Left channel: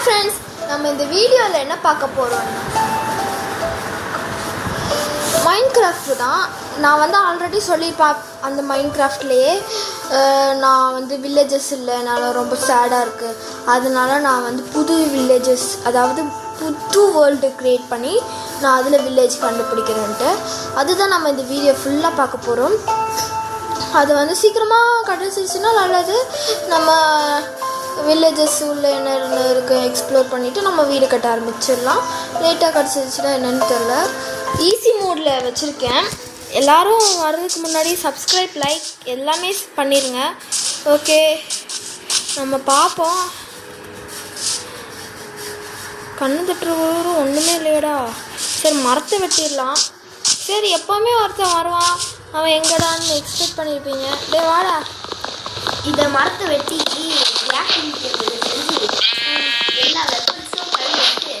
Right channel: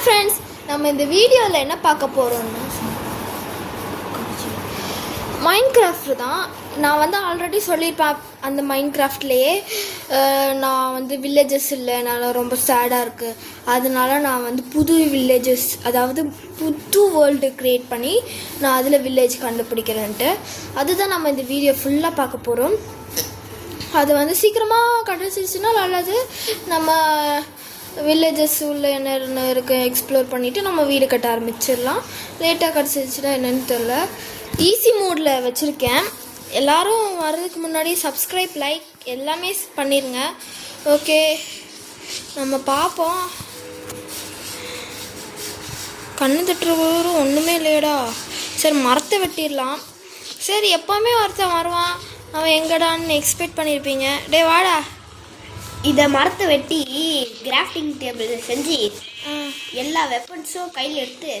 Hi friends, நம்ம இந்த வீடியோவில் என்ன பார்க்க போகிறோம்னா மைன்கிராஃப்ட் தான். நான் வந்து ஆல்ரெடி சொல்லியிருப்பேன். அந்த மைன்கிராஃப்ட்லேயே நான் வந்து வில்லேஜஸ் இல்லை, என்னால் ரொம்ப சேடாக இருக்குது. அதனால நான் வந்து புது வில்லேஜஸ், அதாவது புது வேர்ல்டு க்ரியேட் பண்ணி நான் அதில் வில்லேஜ் கண்டுபிடிக்கிறேன்ட்டு அதுதான் நம்ம இந்த வீடியோ ஃபுல்லாக பார்க்க போகிறோம். அது வந்து சீக்கிரமாக கிடச்சிச்சுன்னா நல்லது. நம்ம வில்லேஜஸ் உள்ள என்ன இருக்குது எக்ஸ்ப்ளோர் பண்ணிவிட்டு நம்ம வீடு கட்ட ஆரம்பிச்சிடலாம். லேட்டாக கிடச்சிருச்சுன்னா என்னென்னு தெரியல. ஈஸி மோடில் வச்சுருக்கேன். எல்லோரும் வர்றதுக்கு முன்னாடி சப்ஸ்கிரைப், லைக் எல்லாமே பண்ணிடுங்க. ஓகே, நம்ம பார்ப்போம். கண்ணு தட்டுறவரும் ஒன்றுமே இல்லையடா. சரி, மரத்தை வெட்டிடலாம். சரி, எப்போவுமே ஒருத்தன் வருவான், அவன் எங்கடான்னு எக்ஸ்பெக்ட் பண்ணியிருப்பீங்க. டே வாடா. இதை மரத்தை வெட்டி கிராஃப்டிங் டேபிள் செஞ்சு எல்லா வெப்பன்ஸும் கையில் எடுத்து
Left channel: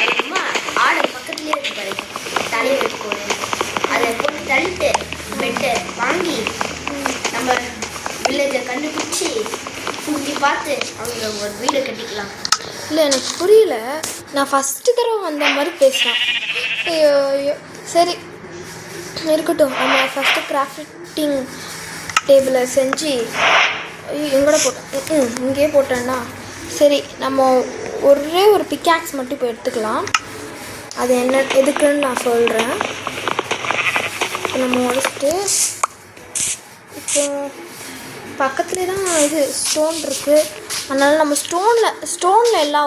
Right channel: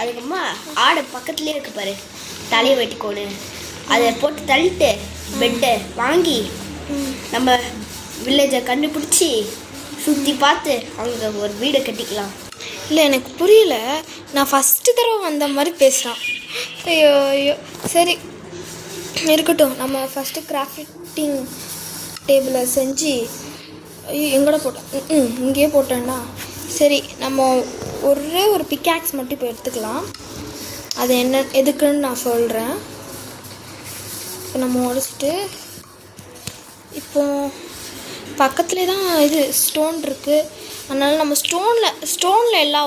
அதுக்குமா ஆடை பக்கத்துலேயே இருக்கு பாரு, தலையை வெட்டிக்கோடு, அதை போட்டு தள்ளிட்டு பெட்டை வாங்கி நம்ம வில்லேஜை கண்டுபிடிச்சி சுற்றி பார்த்து அவங்க ஒரு வீடை கட்டிக்கலாம். இல்லை, எனக்கு புரியல. நான் ஃபஸ்ட்டு தடவை வந்த மாதிரி பேசுகிறேன். ஐயோ ஐயோ, சரி இருக்கட்டும். நம்ம ஃபஸ்ட்டு கிராஃப்டிங் டேபிளை செஞ்சு எங்கூட போட்டேன், இங்கேயே போட்டேன்னா சரி. நம்ம ஒரே ஒரு பிக்காக்ஸ் மட்டும் இப்போ எடுத்துக்கலாம். அது என்ன எதுக்குன்னு நான் சொல்கிறேன். நம்ம முடிச்சுட்டு இப்போ பக்கத்துலேயே தான் இது ஸ்டோன் இருக்குது. அதனால் நம்ம ஸ்டோனில் எல்லா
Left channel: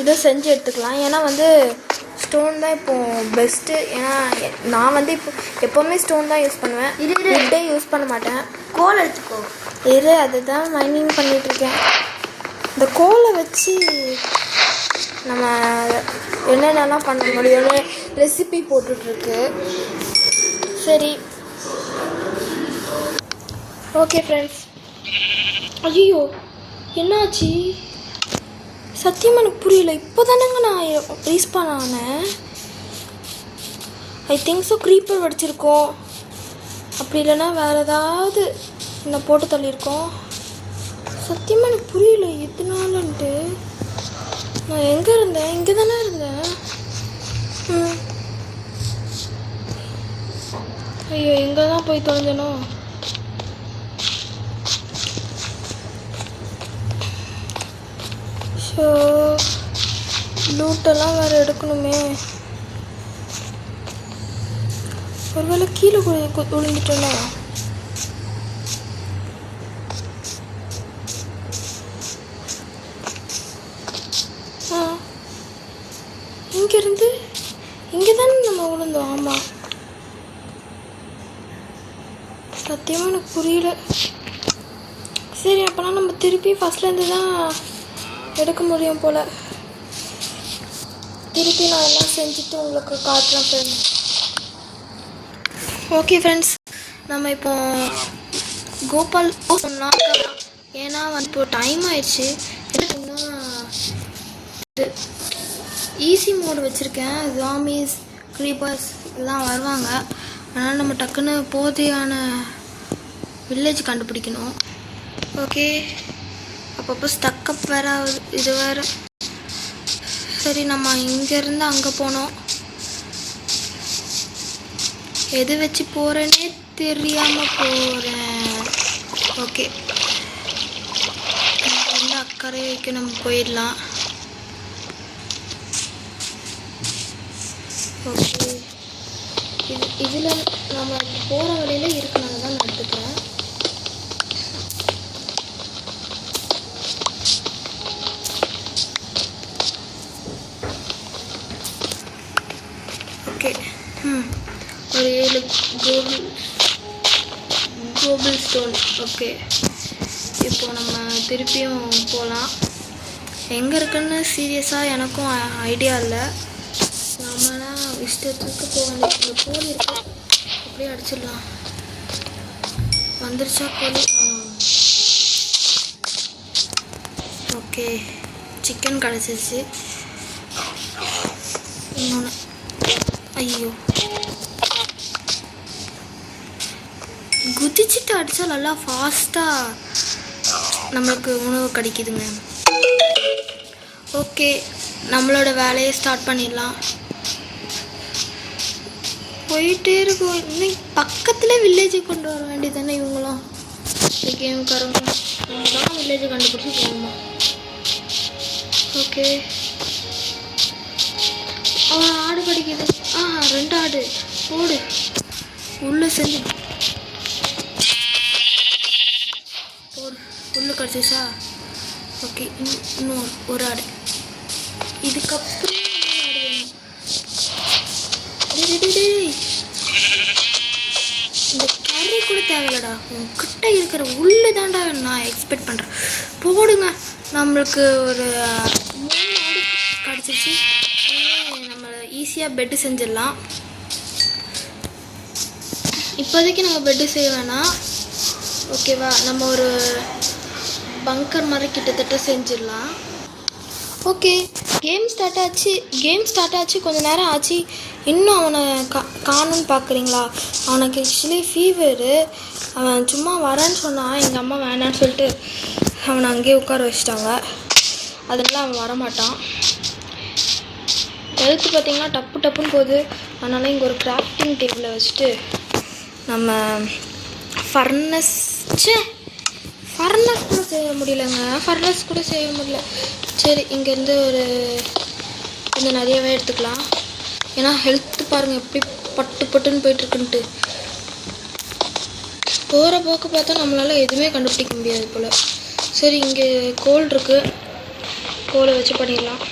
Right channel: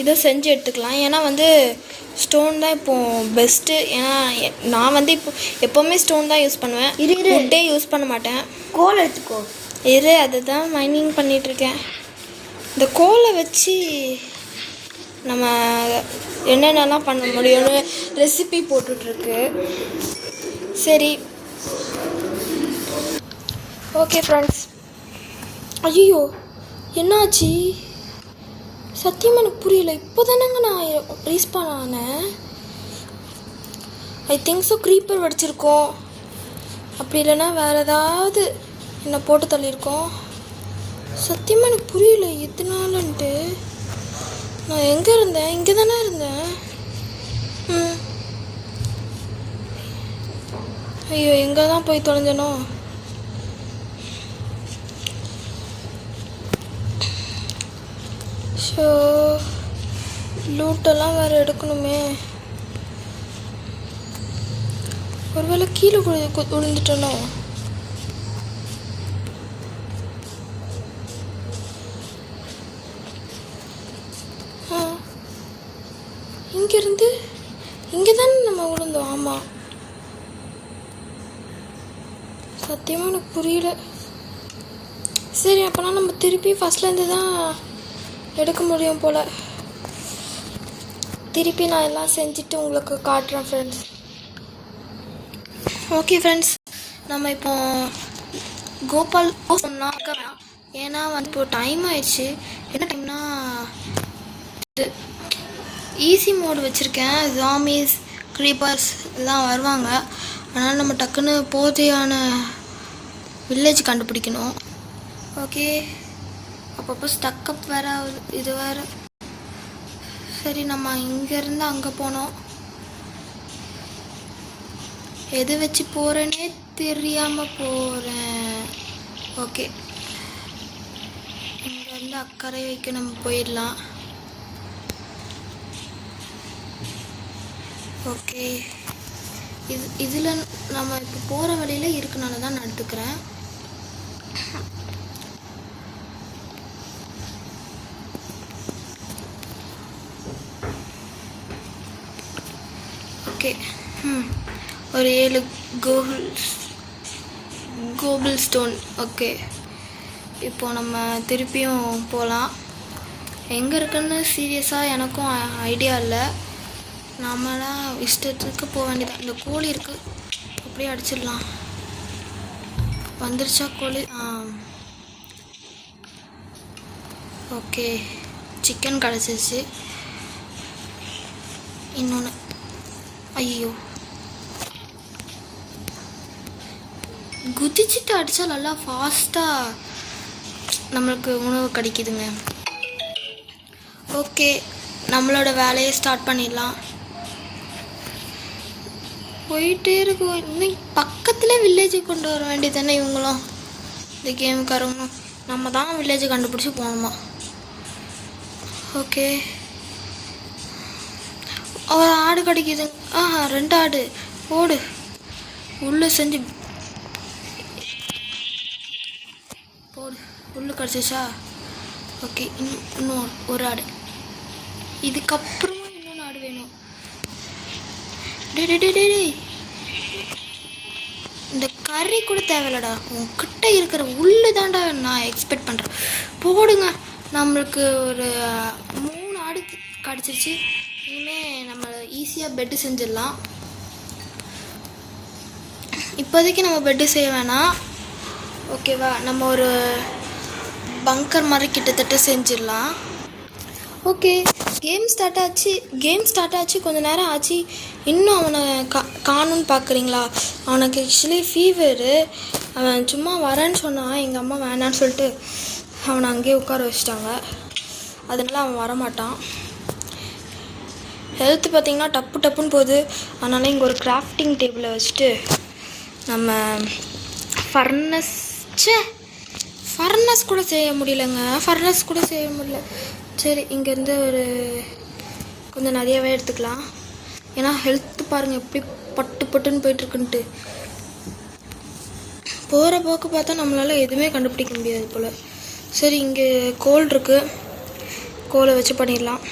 இதுவும் செஞ்சு எடுத்துக்கலாம். ஏன்னா வந்து ஸ்டோன் தான் இப்போது பெஸ்ட்டு. ஏன்னா நான் வந்து இப்போ எப்போவுமே ஸ்டோன் தான் யூஸ் பண்ணுவேன். உட்டே யூஸ் பண்ண மாட்டேன். கோல் எடுத்துக்கோ. அதுதான் மைனிங் பண்ணிகிட்ருக்கேன். இந்த கோலை வச்சு நம்ம என்னென்னலாம் பண்ண முடியும்னு ரெசிபி போட்டுட்ருக்கு. சரி, ஓகே ஃப்ரெண்ட்ஸ். ஐயோ, என்னாச்சு? சத்தியமாக எனக்கு புரியல. இப்போ தானேங்க நான் ரீஸ்பான் ஆனேன். ஐ திங்க் ஸோ க்ரீப்பர் வடிச்சிருக்கோம், அப்படி இல்லைன்னா வேறு ஏதாவது என்ன போட்டு தள்ளியிருக்கோம். சத்தியமாக எனக்கு புரியல எத்தனாலன்ட்டு. நான் எங்கே இருந்தேன்? இங்கே தானே இருந்தேன். ஐயோ, எங்கே தான் போய் தொலைஞ்சனோ? ஸோ லூட்டெல்லாம் வேறு எடுக்கணுமே. ஒருவேளை கீழே விழுந்துட்டோன்னா? இங்கேருந்து இங்கே தானே நம்ம விழுந்தோம். ஆமாம், சத்தியமாக எனக்கு புரியல. சரி, அப்போனா நம்ம திருப்பி ஃபஸ்ட்லேருந்து தான் எடுக்க முடியும் போல். திருப்பி நான் எல்லாம் செஞ்சுட்டு உங்களுக்கு காட்டுறேன் ஃப்ரெண்ட்ஸ். ஓகே ஃப்ரெண்ட்ஸ், நம்ம இப்போ கோபால் சொன்னால், ஏன்னா வந்து இப்போ டைம் ஆயிடுச்சு. என்ன டைம்னா ஈஸி மோடு வச்சுருக்கேன். ஜாம்பிஸ், க்ரீப்பர்ஸ் எல்லாம் வருவாங்க. அதனால் நம்ம டக்குன்னு போதையான வில்லேஜ் கண்டுபிடிக்கணும். ஓகே, அப்பப்போ ஸ்டக்கப் வேறு இது வேறு. சரி, நம்ம இங்கேருந்து அங்கே போனோம். எதை வச்சு போகிறேன்னே தெரியாமல் போகிறேன். ஓகே, இங்கேருந்து அக்கறை வைக்க நம்ம போயிடலாம். ஓகே, இதில் நம்ம போகிற வழியில் இருக்கனால தான் நான் எடுத்துக்கிறேன். ஓகே, ஒரு 7 கோபிள் ஸ்டோன். ஓகே, இப்போ நம்ம திருப்பியும் போகலாம். எங்கே இருக்குன்னு சீரியஸாக எனக்கும் ஐடியா இல்லை. நம்மளாம் இஷ்டத்துக்கு போக வேண்டிய. இந்த கோழி இருக்கு, அப்படியே அடிச்சிடலாம். வந்துருச்சா கோழி? ஓகே, சிக்கன் கிடச்சிருச்சு. இன்னொன்று, ஐயோ, குதிச்சுட்டு அடித்தா நல்லா ஃபாஸ்ட்டாக நம்மளுக்கு உணவு கிடைக்குதுங்க. ஓகே, நம்மளோட வேலையை ஸ்டார்ட் பண்ணிடலாம். போயிட்டே இருக்கும். இன்னும் பக்கத்தில் வில்லேஜுக்கு கொண்டு வர வேண்டியது தானே இவங்களும். இந்த கேமுக்காரங்க நம்ம தான் வில்லேஜை கண்டுபிடிச்சி போகணுமா. ஓகே, ஒரு ஆடு கிடைக்கிது. 2 ஆடு. ஓடு உள்ளே செஞ்சு ஓடு. உள்ளே கிடச்சிச்சா? ஓகே, இன்னும் ஒரு ஆடு. இதுக்கப்புறம் இந்த கறி கூட தேவையில்லடா, உங்ககிட்ட இருக்கிற உள்ளே தான்டா நான் எக்ஸ்பெக்ட் பண்ணுறேன். போடுங்க, நம்மளுக்கு ஒரு 3 ஆடு கிடச்சிருச்சு. இனிமேல் நம்ம ஈஸியாக பெட்டு செஞ்சிடலாம். இப்போதைக்கு நம்ம பெட்டு செய்ய வேணாம், ஓகேவா? நம்ம ஒரு பங்கர் மாதிரி கிட்டத்தட்ட செஞ்சிடலாம். ஓகே, கேம் ஸ்டார்ட் ஆச்சு. கொஞ்சம் நேரம் ஆச்சு, இன்னும் அவனை காணுன்னு பார்க்குறீங்களா? அவனுக்கு ஆக்சுவலி ஃபீவரு. அவன் சும்மா வரேன்னு சொன்னான், எங்கள் அம்மா வேணான்னு சொல்லிட்டு அவனை அங்கேயே உட்கார வச்சிட்டாங்க. அதனால அவன் வரமாட்டான். ஹெல்த்து பார்த்திங்கன்னா டப்புன்னு போகுது. அதனால் இங்கே ஒரு கிராஃப்டிங் டேபிளை வச்சுட்டு நம்ம ஃபர்னஸ் கூட செய்ய முடியல. சரி, இங்கேருந்து ஒரு கொஞ்சம் நிறையாவே எடுத்துக்கலாம். ஏன்னா ஹெல்த்து பாருங்கள் எப்படி பட்டுன்னு போயிட்டுருக்குன்ட்டு. போகிற போக்கு பார்த்தா நம்மளால் எதுவுமே கண்டுபிடிக்க முடியாது போல். சரி, இங்கே கோல் இருக்குது, கோலை வச்சு பண்ணிடலாம்.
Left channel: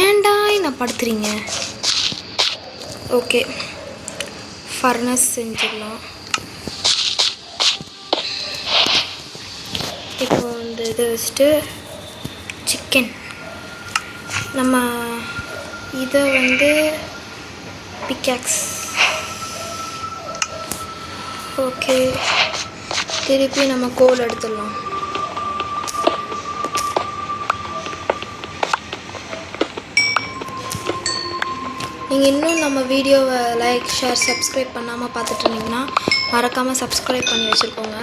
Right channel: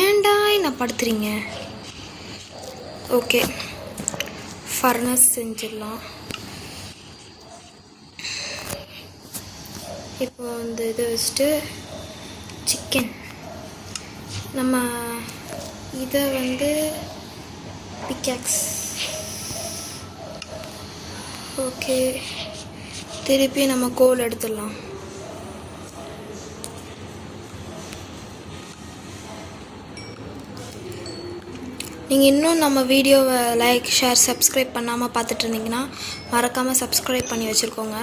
ஏன்டா என்ன படுத்துறீங்க? ஓகே, ஃபர்னஸ் செஞ்சிடலாம். இப்போ இந்த இதை வச்சுட்டு சிக்கன் நம்ம இதை பிக்காக்ஸ். ஓகே, திருப்பி நம்ம கோல் எடுத்துடலாம். நீங்கள் இன்னும் நம்ம வீடியோவை லைக், ஷேர், சப்ஸ்கிரைப் பண்ணாமல் பார்த்துட்டு இருந்தீங்கன்னா மறக்காமல் சப்ஸ்கிரைப் பண்ணி வச்சுருக்கோங்க.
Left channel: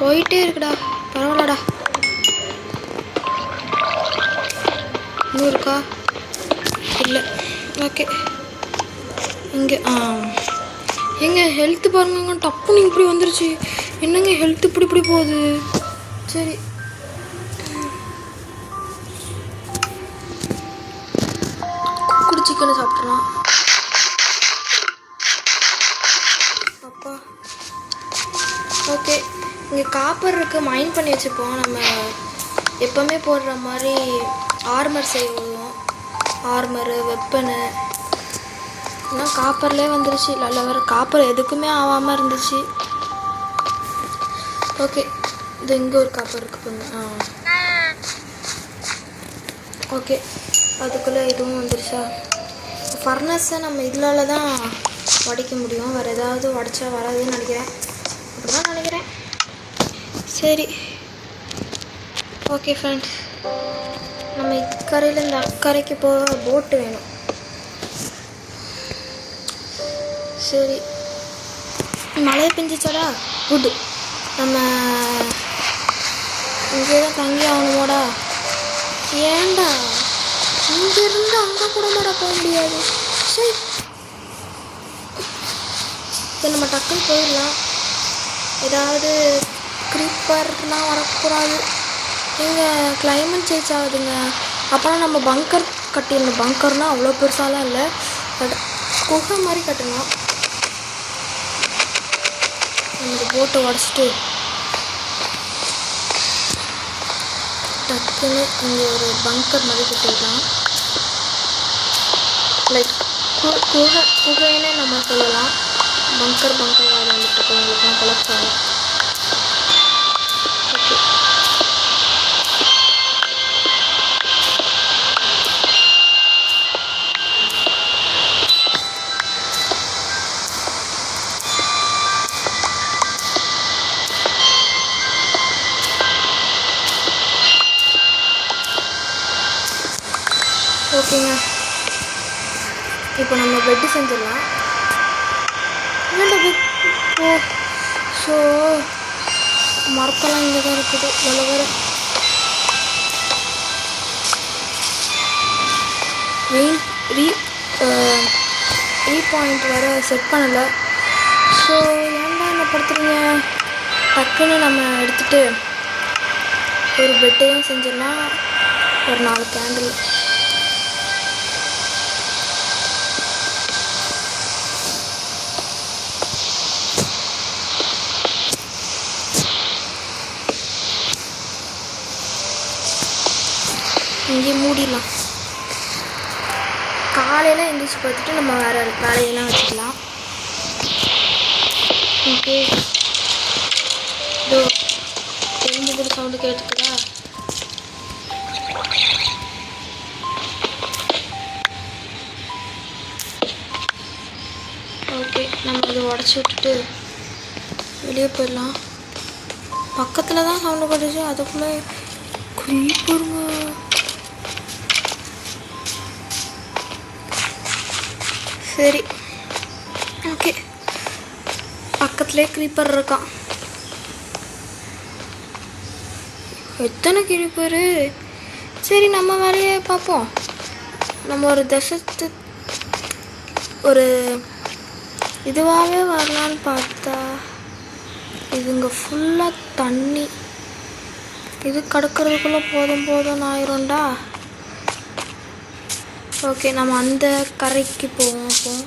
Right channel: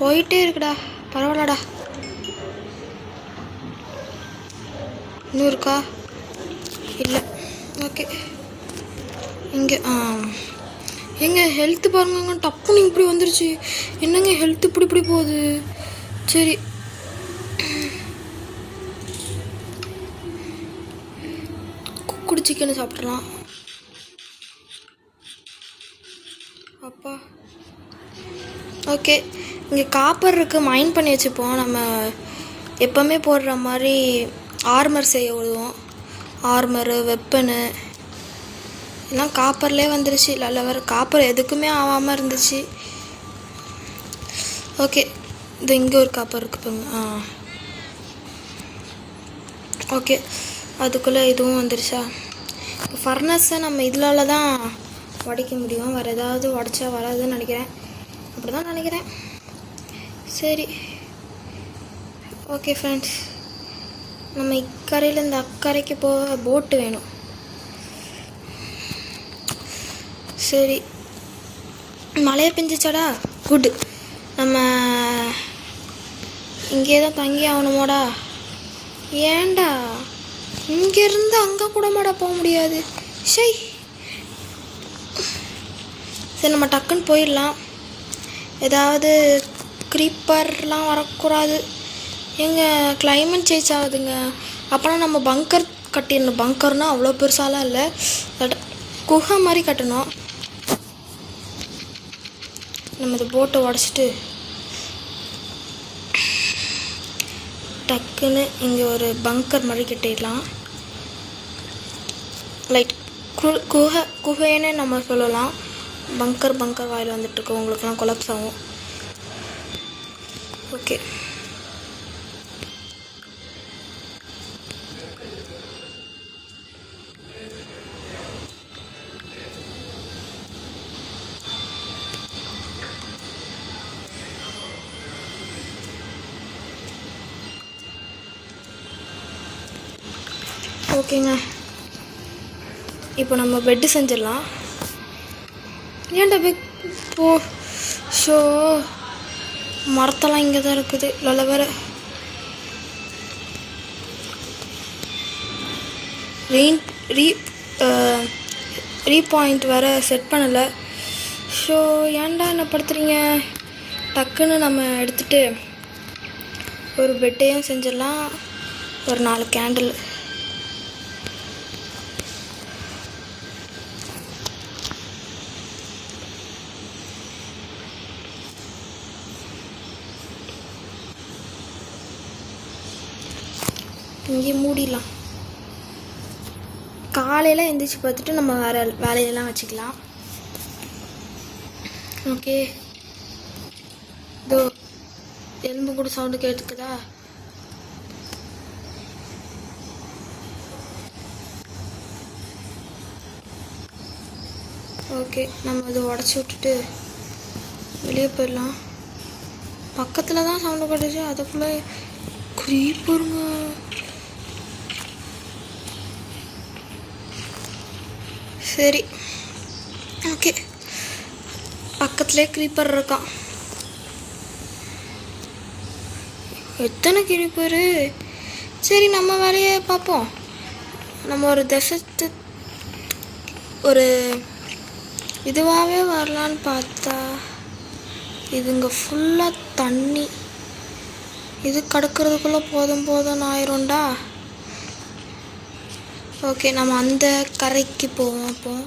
போயிட்டே இருக்குடா, பரவாயில்லடா. இன்னும் இருக்கா? இல்லை. ஓகே, இங்கே எங்க ஹெல்த்து பாருங்க, டப்புன்னு இப்படி வந்துருச்சு. என்னங்க ஹெல்த் இப்படி போகுது? சரி, சிக்கனை சாப்பிட்றலாம். அப்பா, ஓகே, இங்கே காப்பர் இருக்குது, மைண்ட் பண்ணி வச்சுப்போம். நம்ம எப்போவுமே போடுற மாதிரி ஆர்மர் செய்ய உதவும். ஆர்மரு, வெப்பனு எல்லாம் காப்பர்லேயே வந்துருச்சு. நல்ல காப்பர் எதுக்குமே ஆகாமல் இருந்துச்சு. ஓகே, இது இங்கே ஒரு காப்பர் இருக்குது. ஓகே, அதுக்குள்ளே இதுவும் வந்துருச்சா? ஃபர்னஸை நம்ம இதனால தான் வடிக்க முடியும், வேறு ஏதாவது வடித்தா வராதுன்னு நினைக்கிறேன். சரி, ஓகே ஃப்ரெண்ட்ஸ், நம்ம இக்கரையிலேருந்து அக்கறைக்கு போக போட்டு வேணும். சரி, மழையை பெஞ்சிச்சாடா? குட். நம்ம இங்கே தான் தங்கி ஆகணுமாடா? ஏண்டா இங்கேருந்து அங்கே கூட போக முடியாது? சரி, நம்ம டக்குன்னு போயிடலாம். ஏதாவது க்ரீப்பர்லாம் வரக்கூடாது. எங்கள் கிளைமேட் சேஞ்ச் ஆகுதுங்க. அப்புறம் நம்ம பங்கர் கட்டிடணும். பங்கர்னால் அவ்வளோ பெருசாலாம் இல்லை, பட் குகை மாதிரி கட்டணும். நம்ம போட்டை உடச்சிட்டு டக்குன்னு இங்கே ஒரு பங்கர் மாதிரி கட்டிடலாம். லைக் குகைன்னு நம்ம சொல்லலாம். பங்கர் வாடு வந்துட்டு உங்களுக்கு கொலப்ஸ் ஆகும். ஓகே, ஓகேங்க, இப்போ நம்ம பெட்டு செஞ்சிடலாம். ஏன்டா ஓ ஸோ மரத்தெல்லாம் இங்கே தான் இருக்குது. நல்ல வேறு பாயிண்ட் வேறு செட் பண்ணலை. ஸோ ஏன்டா என்ன படுத்துறீங்க? டக்குன்னு நம்ம எடுத்துகிட்டு ஒரு பெட்டையும் செஞ்சிடலாம். ஒரு 4 கேண்டில். இங்கே மூடிடலாம். காலையில் எழுந்திரிச்சு பார்த்துட்டு நம்ம வேறு வேலையெல்லாம் வச்சுக்கலாம். ஓகே, இதோ எறும்பு கூட சவுண்டு கேட்டுக்குதா? ஓகே, நம்ம அதை உடச்சி விட்டுட்டு வெளியே போயிடலாம். பக்கத்தில் தான் சவுண்டு போட்டுச்சு, அதுக்குள்ளே creeper-ங்க. சரி, ஓகே, பக்கத்துலேயே creeper இருக்கான். எத்தனை creeper? சரி, நம்ம வேலையை பார்ப்போம். நம்ம ஒரு தசத்து ஒரு இதுவாகவே வரலான்னு பார்த்தா இதுங்க ஃபுல்லாக தண்ணி. இது கடக்கிறதுக்குள்ளே போதும் ஆயிரும்டா. ஓகே, நம்ம அந்த கரைக்கு போவோம்.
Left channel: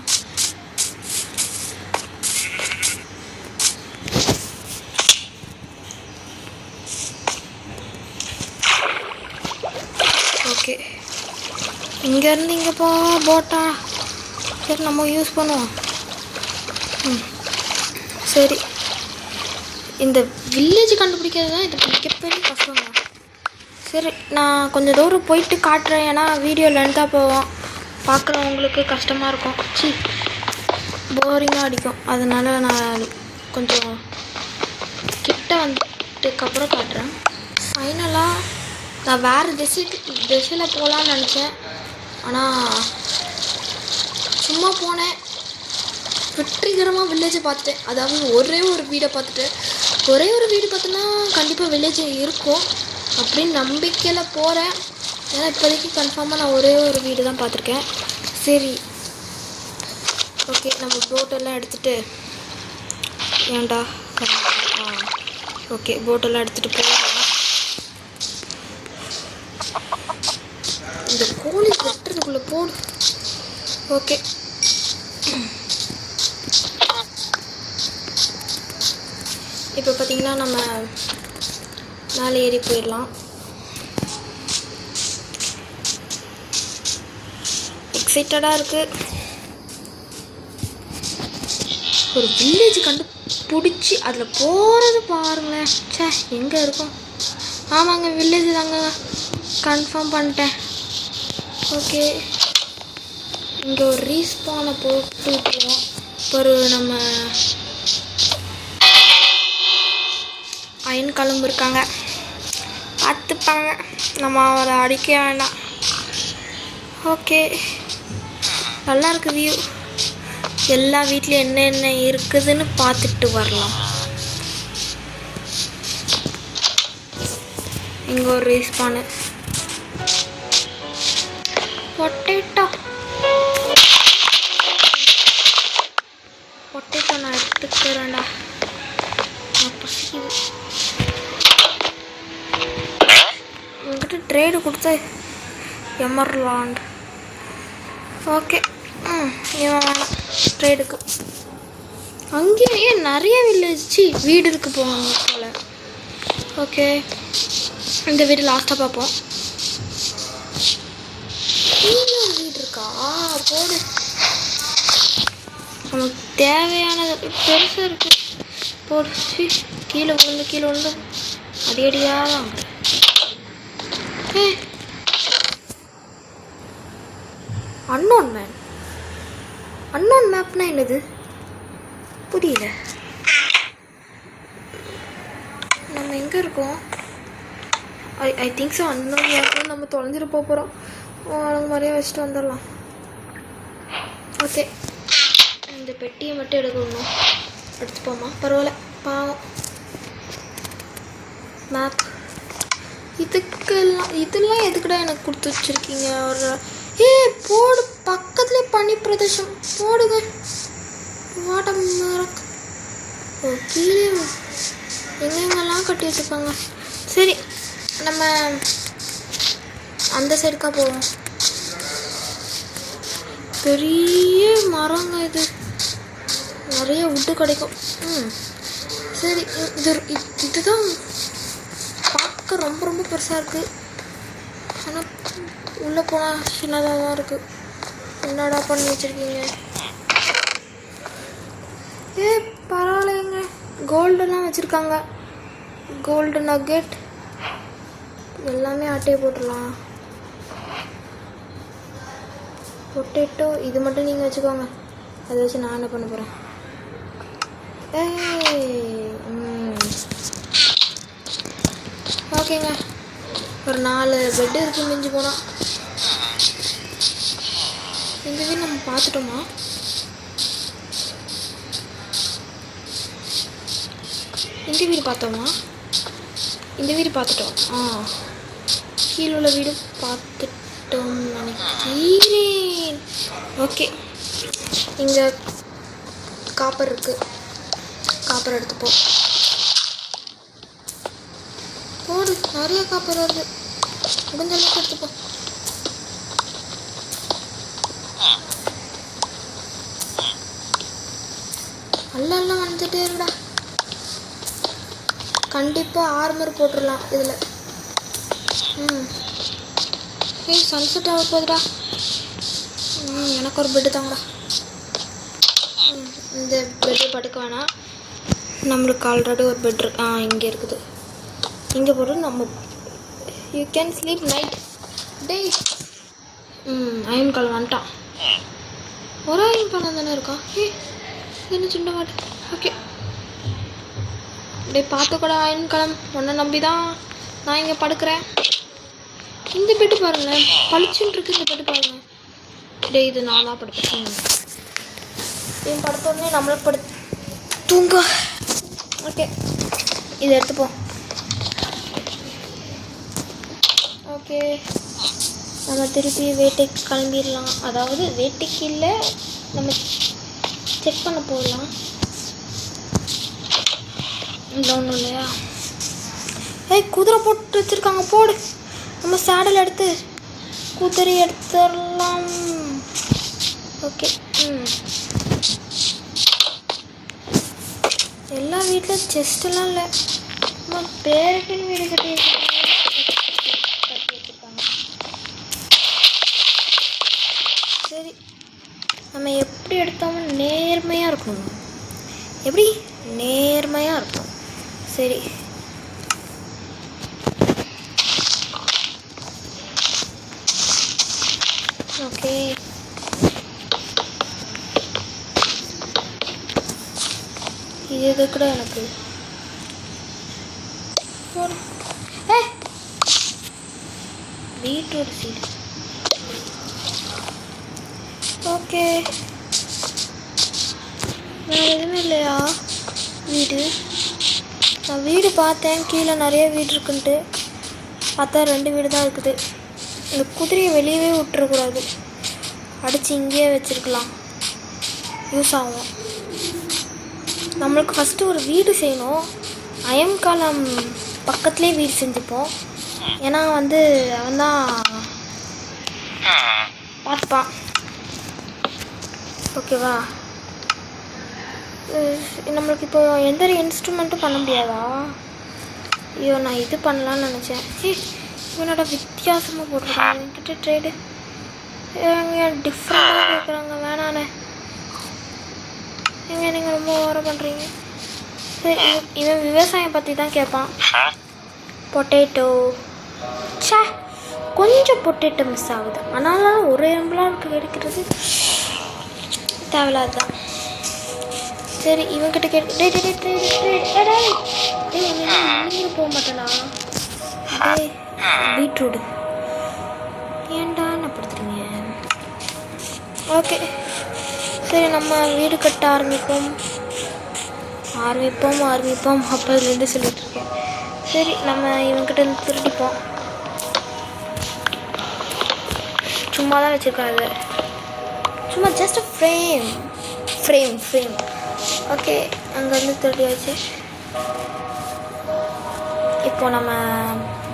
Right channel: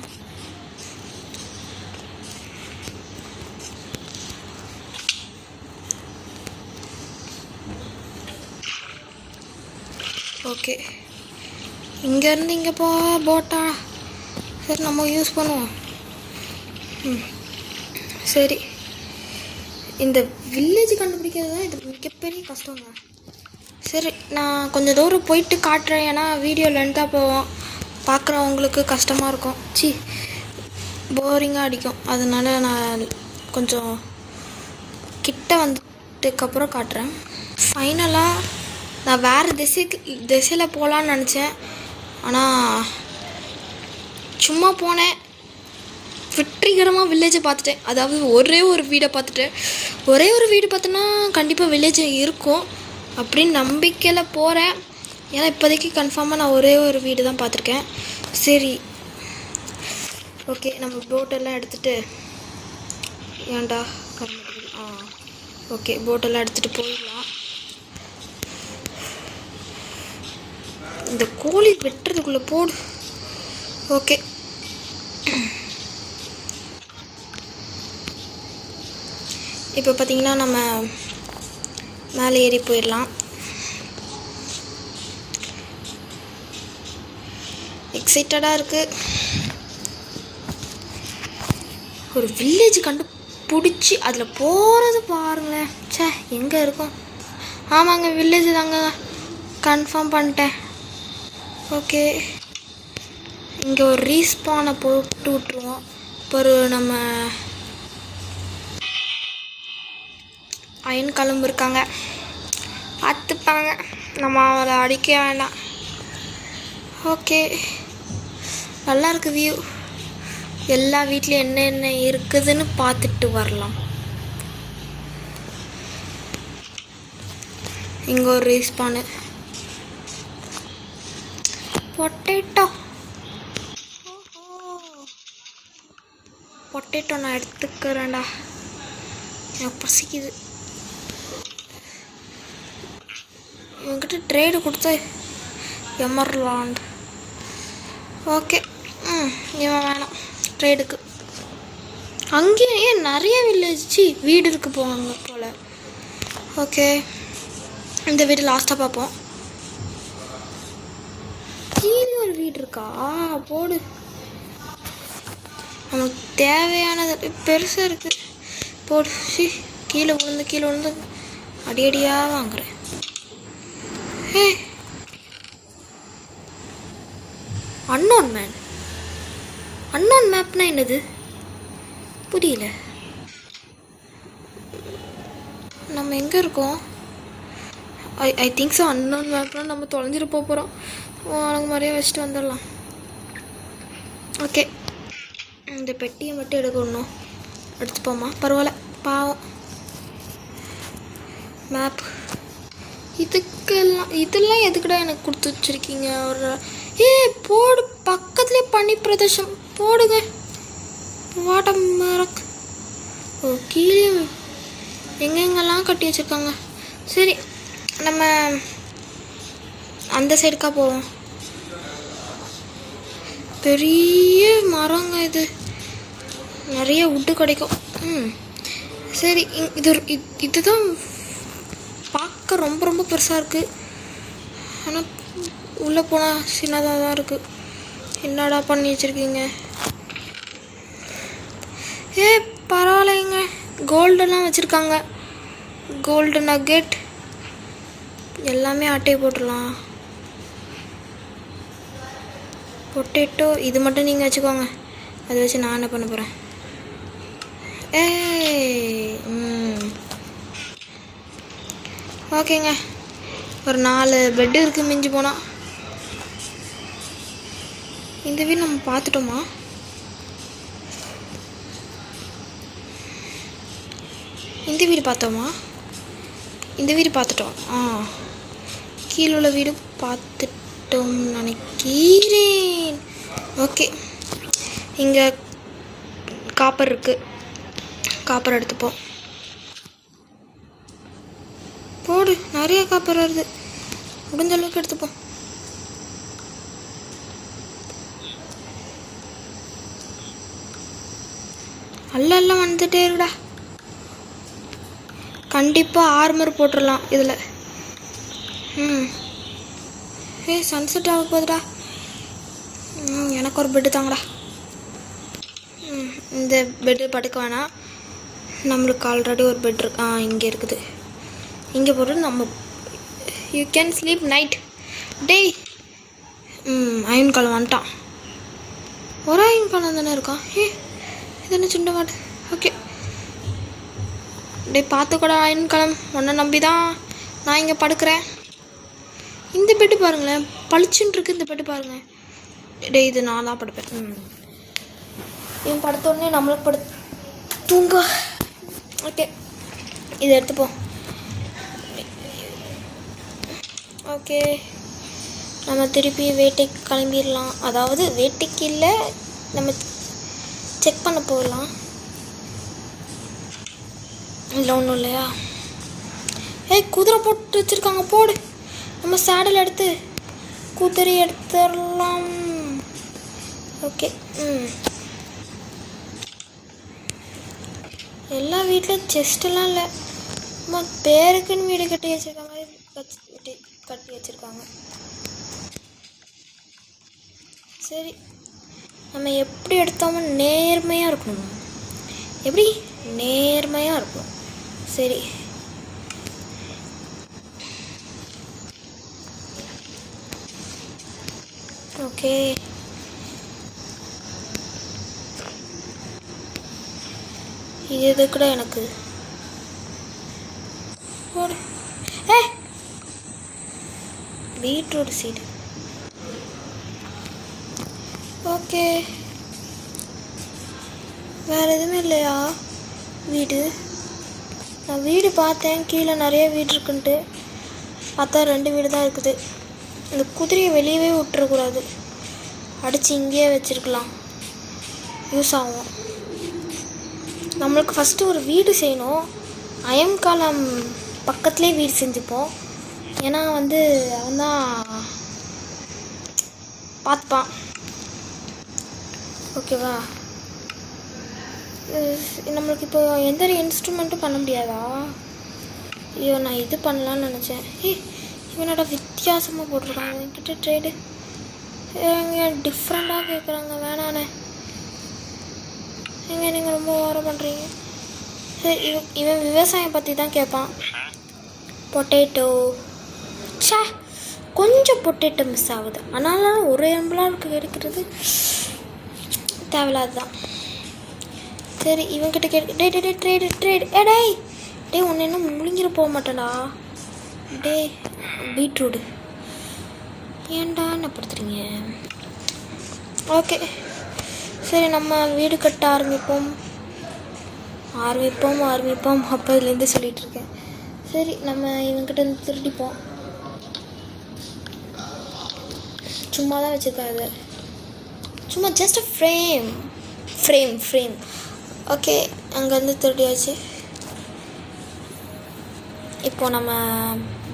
ஓகே, இங்கேருந்து இங்கே போட்டா சரி நம்ம யூஸ் பண்ணுவோம். சரி, இந்த வில்லேஜ் கண்டுபிடிக்கிறது தான் இது மிகப்பெரிய கஷ்டம் தான். சரி, நான் கொஞ்சம் தூரம் போயிட்டு காட்டுறேன். ஏன்னா வீடியோ லென்த்தாக போவோம், பார்க்குறவங்களுக்கு கஷ்டமாக இருக்கும், போரிங்காக அடிக்கும். அதனால நான் கொஞ்சம் கிட்ட வந்துட்டுக்கப்புறம் காட்டுறேன். ஃபைனலாக நான் வேறு திசையில் போகலான்னு நினச்சேன். ஆனால் சும்மா போனேன், வெற்றிகரமாக வில்லேஜை பார்த்துட்டேன். அதாவது ஒரே ஒரு வீடை பார்த்துட்டேன். ஒரே ஒரு வீடு பார்த்தோன்னா கண்டிப்பாக வில்லேஜ் இருக்கும் அப்படின்னு நம்பிக்கையில் போகிறேன். ஏன்னா இப்போதைக்கு கன்ஃபார்மாக நான் ஒரே ஒரு வீடு தான் பார்த்துருக்கேன். சரி, ஓகே, நம்ம போட்டெல்லாம் எடுத்துகிட்டு ஏன்டா ஓகே போட்டெல்லாம் எடுத்துகிட்டு போகலாம். இந்த கோழி வெட்டுறதுக்குள்ளே போடு. ஓகே, இப்போ பார்த்தீங்கன்னா நம்ம மேலே ஏறி போயிடலாம். எக்ஸைட்டடாக இருக்குது. ஒரு வில்லேஜ் கண்டுபிடிச்சி அதில் போகிறது பாருங்களேன். சே, எங்கே இருக்கும்? ஆமாங்க, வில்லேஜ் தாங்க, கன்ஃபார்ம் பண்ணிட்டேன். ஓகே, இங்கே ஒரு ரீஸ்பானை போட்டு விட்டுருவோம். ஒரு நம்ம அயன் கிளம்பு இருக்காங்க, பார்த்துப்பாங்க, நம்ம அதை அடிக்க வேண்டாம். ஓகே, நல்லா இருக்கு வியூ. எல்லா வீட்லேயும் என்னென்ன இருக்குதுன்னு பார்த்துட்டு வரலாம். இங்கே ஒரு ரீஸ்பானு பொட்டேட்டோ நான் எடுத்துக்கிறேன்டா, பசிக்குது. உங்ககிட்ட ட்ரேடு கொடுத்த எமர்லாண்ட். ஓகே, இவன் வேணாம் ட்ரேடுக்கு. அங்கேயும் ஏன் நிறைய வில்லேஜ் வீடு இருக்கு போவாங்க போல். ஓகே, இந்த வீடு லாஸ்ட்டாக பார்ப்போம். ஒரு வீடு இருக்கா? போடு, நமக்கு தேவையானது பெருசாக இருக்கு. போடு. கீழே விழுந்து அடியடியாக வாங்குறேன். அன்னோன் மேப்னா என்னது புரியல. நம்ம எங்கே இருக்கோம்? ஐ திங்க் ஸோ அன்னோன் மேப்லாம் நம்ம தொலைஞ்சிட்டு போகிறோம். அவங்க மாதிரியே வச்சுட்டு வந்துடலாம். ஓகே, இந்த பெட்டியை மட்டும் எடுக்கணும். எடுத்துப்போமா, பரவாயில்ல, பாவம். மேப் இதெல்லாம் எதுக்குடா எனக்கு கொடுத்து வச்சுருக்கீங்க? போடு, பக்கத்துலேயே பனி பிரதேசம் போடுங்க. வாட்டர் மரம் கீழே எங்கெங்கெல்லாம் கட்டி வச்சுருக்காங்க. சரி, நம்ம அந்த சைடுக்கா போவோம். பெரிய மரங்க இது, நிறைய வுட்டு கிடைக்கும். சரி, இதுதான் பார்க்க ரொம்ப ரொம்ப பெருசாக இருக்குது. ஆனால் உள்ளே போனால் சின்னதாக தான் இருக்குது. என்னடா பண்ணி வச்சுருக்கீங்க? பரவாயில்லைங்க, கோல்டெல்லாம் வச்சுருக்காங்க. கோல்டு நக்கெட் எல்லாமே அட்டையை போட்டுடலாம். பொட்டேட்டோ இது மட்டும் நீங்கள் வச்சுக்கோங்க, அதை வச்சு நான் என்ன பண்ண போகிறேன்? ஓகேங்க, ஒரு 4 பெட்டு இருக்குது மிஞ்சி போனால். இந்த வீடு நம்ம பார்த்துட்டோமா? இந்த வீடு பார்த்தோமா? இந்த வீடு பார்த்துட்டோம். கீழே உள்ள வீடு பார்த்துட்டோம் நினைக்கிறேன். ஓகே, இங்கே காப்பர் இருக்குது, காப்பர் எடுத்துப்போம். போடு, நிறைய காப்பர் வருது, முடிஞ்ச அளவுக்கு எடுத்துப்போம். எல்லாம் வந்துட்டே இருக்குடா. கண்டிப்பாக ஆர்மர் போட்டுடலாம் இதில். சன்செட் ஆக போகுதுடா. எனக்கு ஒரு பெட்டு தாங்கடா. இந்த பெட்டு படுக்க வேணாம், நம்மளுக்கு ஆல்ரெடி ஒரு பெட் இங்கே இருக்குது. இங்கே போட்டு நம்ம யூ கேன் ஸ்லீப் நைட் டேய். அயன் காலம் வந்துட்டான். ஒரு அயன் காலம் தானே இருக்கான். இது என்ன சின்ன மாட்டு. ஓகே டே, பார்த்துக்கூட அயன் காலம், ஒன்றை நம்பி தான் நான் இங்கே படுக்கிறேன். இந்த பெட்டு பாருங்களேன், பளிச்சுன்னு இருக்குது இந்த பெட்டு பாருங்கள். டே, இது நான் தான் படுப்பேன். இவன் படுத்தோடனே நம்மளும் தூங்க. ஓகே, இதை எடுத்துப்போம். ஓகே, நம்ம திருப்பி வீட்டுக்கு கிளம்பிடலாம். அதாவது வீட்டுக்கு இல்லை, நம்ம செக் பண்ண போகலாம். ஒன்றும் இல்லையா? குதிரை போட்டு வச்சுருக்காங்க, போடு. நம்ம சேடல் எடுத்து குதிரை எடுத்துடலாம். ஓகே, எல்லா வீட்டில் செஸ்டெல்லாம் இல்லை, நம்ம பேருக்குன்னு வீடு கட்டி வச்சுருக்காங்க. சரி, நம்ம எப்படி எடுத்தோமோ நேர்மையாக இருக்கணும். எப்படி நேர்மையாக இருக்கும். சரி, ஓகே. இது கூட எனக்கு போடு. Beetroot seat. ஓகே, வேறு எதுவுமே இல்லையா வீடு? நான் வீடு பார்த்தேன், கீழே நிறைய வீடு இருக்குன்ட்டு பார்த்தா 2 வீடு தான் இருக்குது. இந்த குதிரையை வெளியவே விட்டுறக்கூடாது, அடித்து இங்கேயே வச்சுருக்கலாம், யூஸ் ஆகும். நம்மளுக்கு ஃபஸ்ட்டு ஒரு வீடு செய்யணும். அயம் காலம் பக்கத்துலேயே வீடு செஞ்சுப்போம். ஏன்னா வந்து அவன் தான் பார்த்துப்பான். ஓகேவா? நம்மளுக்கு இப்போ எந்த ஒரு இன்ஸ்ட்ருமெண்ட்டும் பண்ண முடியாதா? ஐயோ, நான் இது பண்ணலான்னு நினச்சேன். இவனோட வித்தியாசமாக போடுறாங்க என்கிட்ட ட்ரேடு. டிஃப்ரெண்டாக கேட்குறாங்க, வேணாண்ணே. எங்கே நீங்கள் ரொம்ப ஓரம் பண்ணுறீங்க. சரி, இவன் விவசாயம் பற்றி தான் கேட்பான். பொட்டேட்டோ. சே, கொஞ்சம் பொட்டேட்டோ மிஸ் ஆகுது. ஆனாலும் ஒரு எம்பளாக கிடைக்கிறது தேவையில்லாதான். சரி, இவன்கிட்ட ஒன்று போக மாட்டேடா. பீட்ரூட் ஏன்டா என்ன படுத்துறீங்க? ஓகே, சரி, நம்ம வீடு கட்ட ஆரம்பிப்போம். ஆரம்பிப்போம் அப்போதுலேருந்து சொல்லிகிட்ருக்கேன். சரி நம்ம இவன்கிட்ட இருந்து திருடிப்போம். சும்மா தான் வச்சுருக்காது, சும்மா ஜஸ்ட் ஃப்ரேம். ஓகே, அங்கேருந்து திருடியாச்சு. இப்போ நம்ம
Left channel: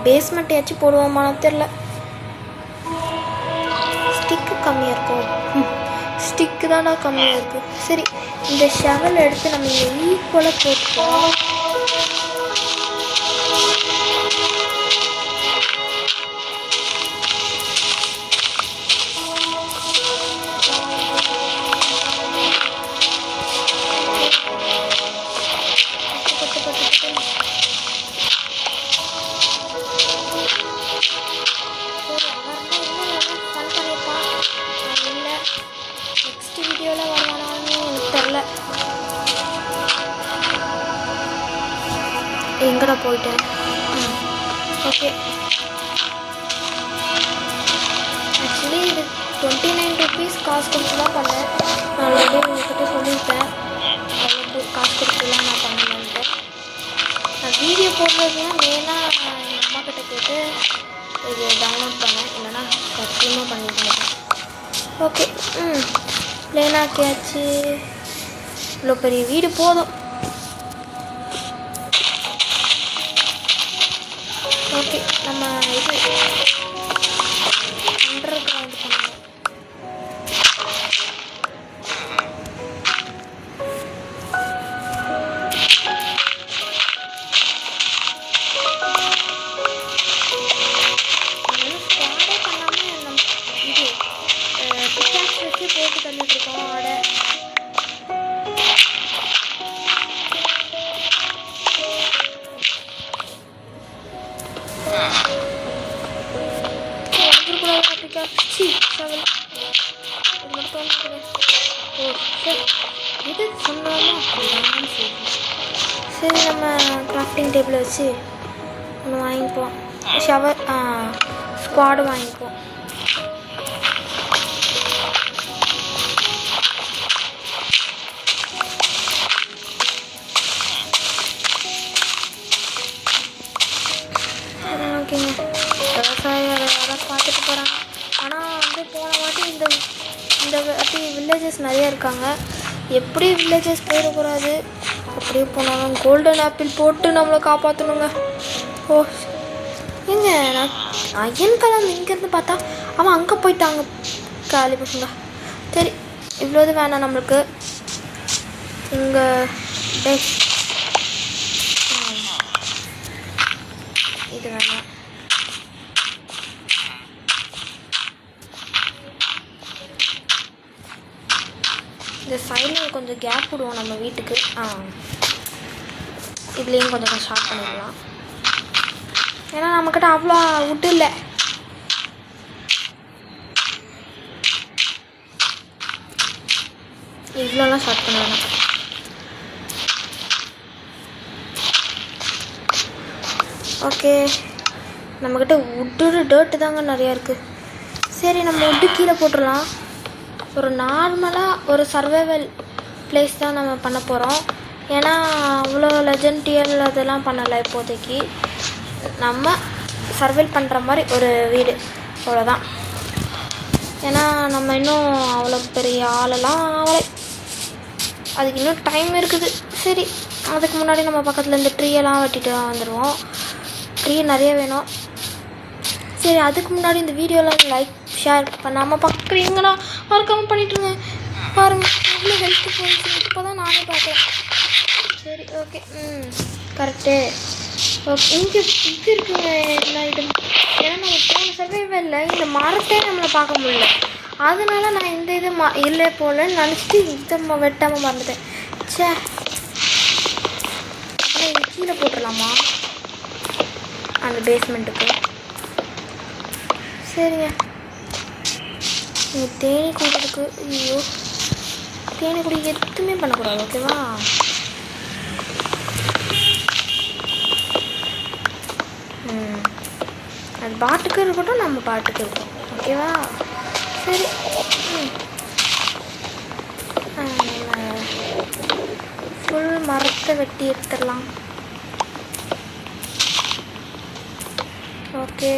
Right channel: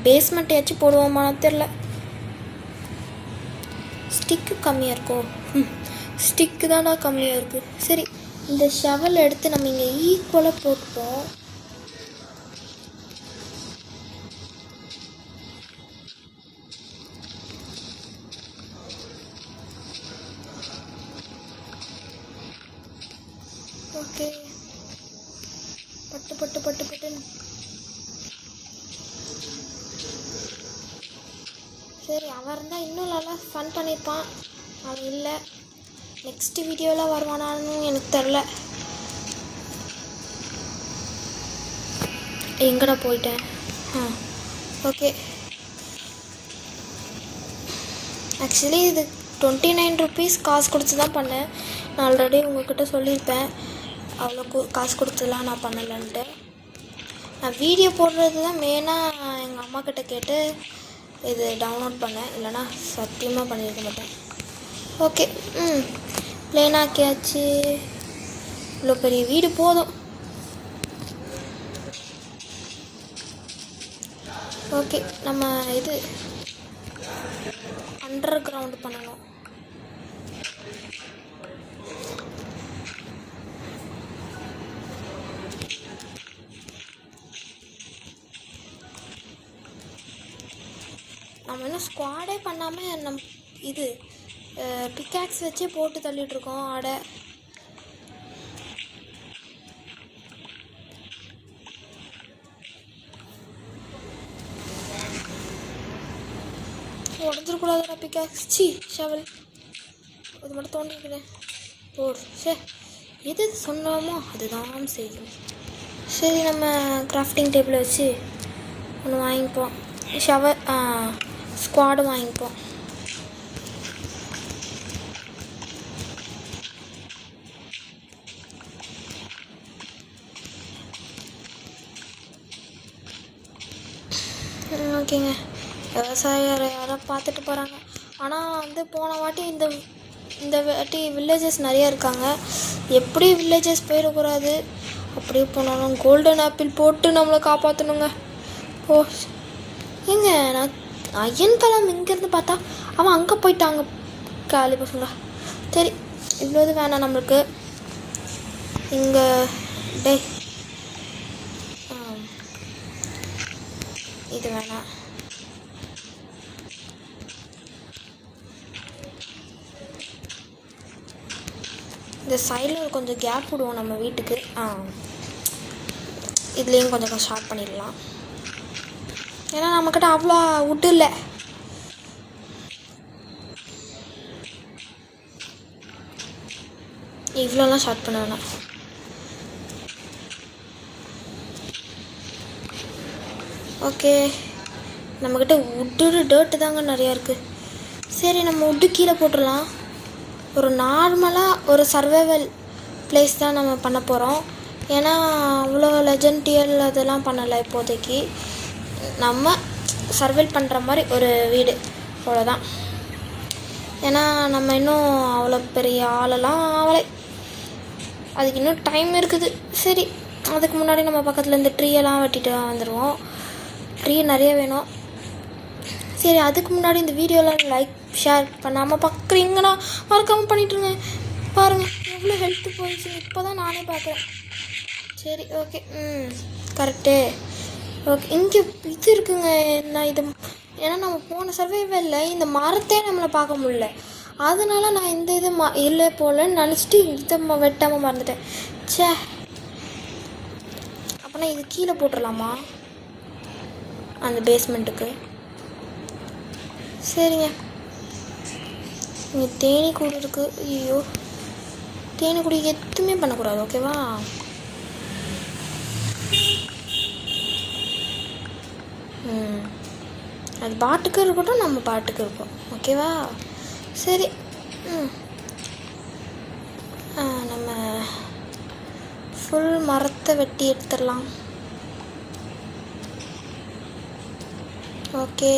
பேஸ்மெண்ட்டையாச்சும் போடுவோமானு தெரில. ஸ்டிக்கு கம்மியாக இருக்கும். ஸ்டிக்கு தானா கம்மியாக இருக்குது. சரி, இந்த ஷவல் எடுத்து நம்ம ஈக்குவலாக போட்டுப்போம். எங்கடா போயிட்டேன்? ஓகே, ஆக்சுவலி இது 29 rupees காசு கொடுத்து தான் பண்ணேன். நான் ஆல்ரெடி உங்கள்கிட்ட சொல்லியிருப்பேன், அவ்வளோ காசு கொடுத்துலாம் நான் பண்ணேன்ட்டு. நான் வீடியோ போடுறதுலாம் மெயினாக எங்கள் அம்மா கிட்ட கேட்டு இது டவுன்லோட் பண்ணேன், இல்லைனா சத்தியமாக பண்ணியிருந்தேன். ஓகே, பிளேனாக்கியாச்சு. இவ்வளோ பெரிய வீடு போதும். ஓகே, நம்ம இது அண்டர் கிரவுண்ட் பண்ணலாம். ஸ்குவாடே பண்ணாமல் நம்ம இது பிக்காக்ஸ் வச்சு போட்டு தள்ளிட்டு இருக்கோம் ஆடை. இது சொன்னாலும் சரி, நம்ம கிராஃப்டிங் டேபிள் வச்சு ஒன்று வாங்கிப்போம். ஸ்குவாடு வாங்கிப்போம். ஓகேங்க, விவசாய வேலையாக பார்த்துட்டு போகிறாங்க. ஆனால் வந்து போன வாட்டி இந்த வாட்டி வில்லேஜஸ் நிறையா இருக்காங்க. எப்படி வில்லேஜஸ் போயிடக்கூடாது. அப்படியே போனாலும் கோல்டன் ஆப்பிள் போட்டு நம்மளை காப்பாற்றணுங்க. ஓ ஏங்க, நான் அயன் கலர் இங்கேருந்து பார்த்தா அவன் அங்கே போயிட்டாங்க காலி பசங்க. சரி, இவ்வளோது வேணாம் நம்மளுக்கு. இங்கே இது வேணாம். இந்த சைடில் கொஞ்சம் கேப் விடுவோம் நம்ம வீட்டுக்கு. இதுலேயும் கொஞ்சம் ஷார்ட் பண்ணிடலாம். ஏன்னா நம்மக்கிட்ட அவ்வளோ வுட்டு இல்லை. இவ்வளோலாம் ஷார்ட் பண்ண வேணாம். ஓகே, நம்மக்கிட்ட வுட்டு டேர்ட்டு தாங்க நிறையா இருக்குது. சரி, நம்ம வுட்டு கீழே போட்டுடலாம். ஒரு நார்மலாக ஒரு சர்வைவல் பிளேஸ் தான் நம்ம பண்ண போகிறோம். ஏன்னா அவ்வளோ லெஜெண்டியல் அதெல்லாம் பண்ணலை இப்போதைக்கு. நம்ம சர்வைவல் பண்ணுற மாதிரி ஒரு வீடு, அவ்வளோதான். ஏன்னா நம்ம இன்னும் அவ்வளோ பெரிய ஆளெல்லாம் ஆகலை, அதுக்கு இன்னும் டைம் இருக்குது. சரி, அதுக்கு முன்னாடி நம்ம பக்கத்தில் இந்த ட்ரீயெல்லாம் வெட்டிட்டு வந்துடுவோம். ட்ரீ நிறைய வேணும். சரி, அதுக்கு முன்னாடி இந்த வீடியோலாம் லைக் ஷேர் பண்ணாமல் பார்க்குறீங்கன்னா மறக்காமல் பண்ணிட்டுருங்க. பாருங்கள் எவ்வளோ ஹெல்த்து போயிடுச்சு, இப்போ தான் நானே பார்த்தேன். சரி, ஓகே, கரெக்டு. ஓகே, இங்கே இது இருக்குங்க எல்லாம். இது ஏன்னா நம்ம போன சர்வைவலில் இந்த மரத்தே நம்மளை பார்க்க முடியல. அதனால நான் இந்த இது இல்லை போலன்னு நினச்சிட்டு இதை வெட்டாமல் மறந்துட்டேன். சே, ஆனால் இது கீழே போட்டுடலாமா அந்த பேஸ்மெண்ட்டுக்கு? சரிங்க, தேனி கூடுக்கு. ஐயோ, தேனி கூடி எதுவுமே பண்ணக்கூடாது, ஓகேவா? அது பாட்டுக்கு இருக்கட்டும், நம்ம பாட்டுக்கு இருக்கட்டும், ஓகேவா? சரி, நம்ம ஃபுல் மரத்தை வெட்டி எடுத்துடலாம். ஓகே,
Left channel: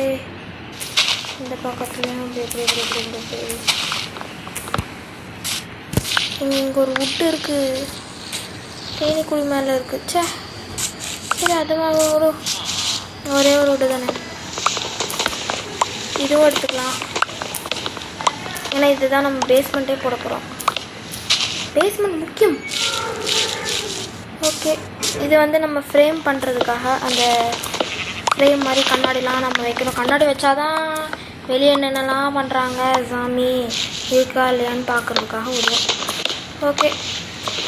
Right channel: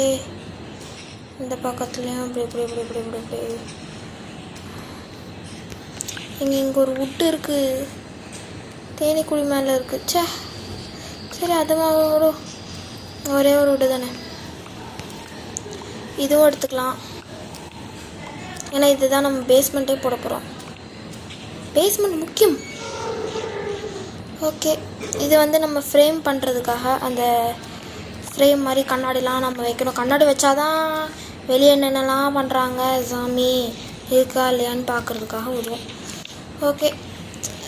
இந்த பக்கத்துலேயும் இங்கே ஒரு வுட்டு இருக்குது, தேனீக்குழி மேலே இருக்குது. சே சரி, அதுவாக ஒரே ஒரு வுட்டு தானே, இதுவும் எடுத்துக்கலாம். ஏன்னா இதுதான் நம்ம பேஸ்மெண்ட்டே போட போகிறோம். பேஸ்மெண்ட் முக்கியம். ஓகே, இது வந்து நம்ம ஃப்ரேம் பண்ணுறதுக்காக அந்த ஃப்ரேம் மாதிரி கண்ணாடிலாம் நம்ம வைக்கணும். கண்ணாடி வச்சாதான் வெளியே என்னென்னலாம் பண்ணுறாங்க சாமி இருக்கா இல்லையான்னு பார்க்குறதுக்காக விடுவோம். ஓகே,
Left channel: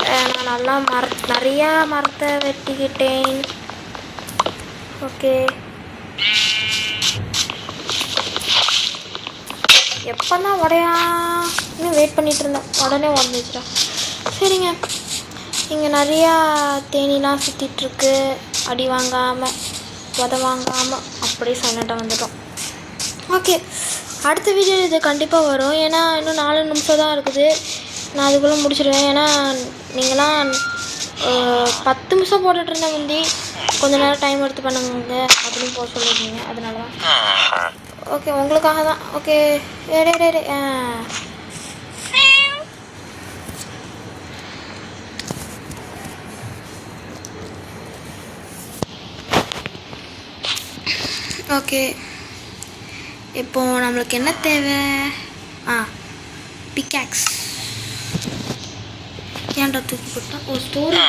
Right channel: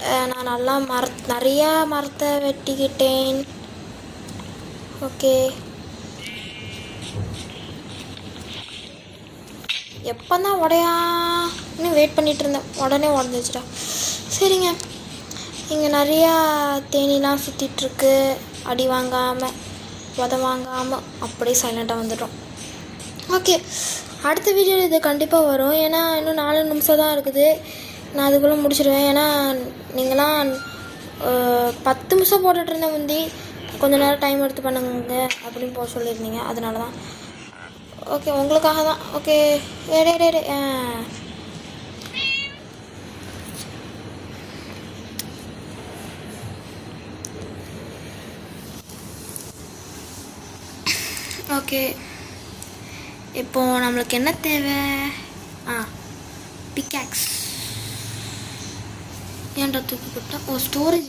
நான் நல்லா நிறையா மரத்தை வெட்டிக்கிட்டேன். ஓகே, எப்போ தான் இன்னும் வெயிட் பண்ணிகிட்டு இருந்தேன், உடனே உடஞ்சிட்டா. சரிங்க, இங்கே நிறையா தேனிலாம் சுற்றிட்டுருக்கு. அடி வாங்காமல் உத வாங்காமல் அப்படியே சைலண்ட்டாக வந்துட்டோம். ஓகே, அடுத்த வீடியோ இது கண்டிப்பாக வரும். ஏன்னா இன்னும் 4 நிமிஷம் தான் இருக்குது. நான் அதுக்குள்ளே முடிச்சிடுவேன். ஏன்னா நீங்கன்னா 10 நிமிஷம் போட்டுட்ருந்தேன் முந்தி, கொஞ்ச நேரம் டைம் எடுத்து பண்ணுங்க அப்படின்னு போக சொல்லியிருந்தீங்க. அதனால தான். ஓகே, உங்களுக்காக தான். ஓகே, ஓகே, இப்போ நம்மளுக்கு என்ன தேவை? பிக்காக்ஸ். ஏன்டா தூக்கி போட்டா? ஓ, ஸ்டோரி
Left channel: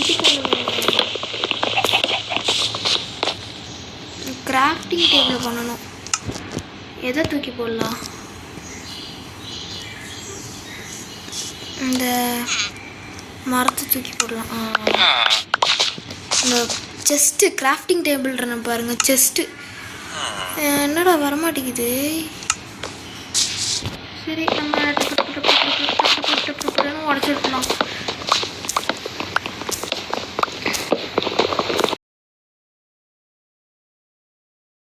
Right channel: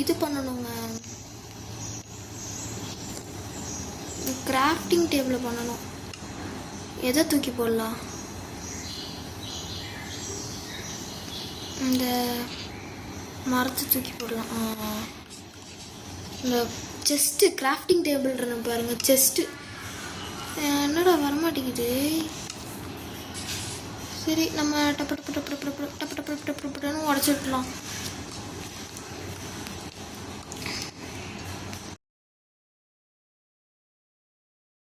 இது பண்ணணும். கிராஃப்டிங் டேபிள் பண்ணணும். எதை தூக்கி போடலாம்? இந்த மரத்தை தூக்கி போடலாம். இந்த செஸ்ட்டு கிராஃப்டிங் டேபிள்ன்றன பாருங்கள், செஸ்ட்டு. என்னடா வரமாட்டேங்குது. சரி, நம்ம உடச்சி விட்டுலாம்.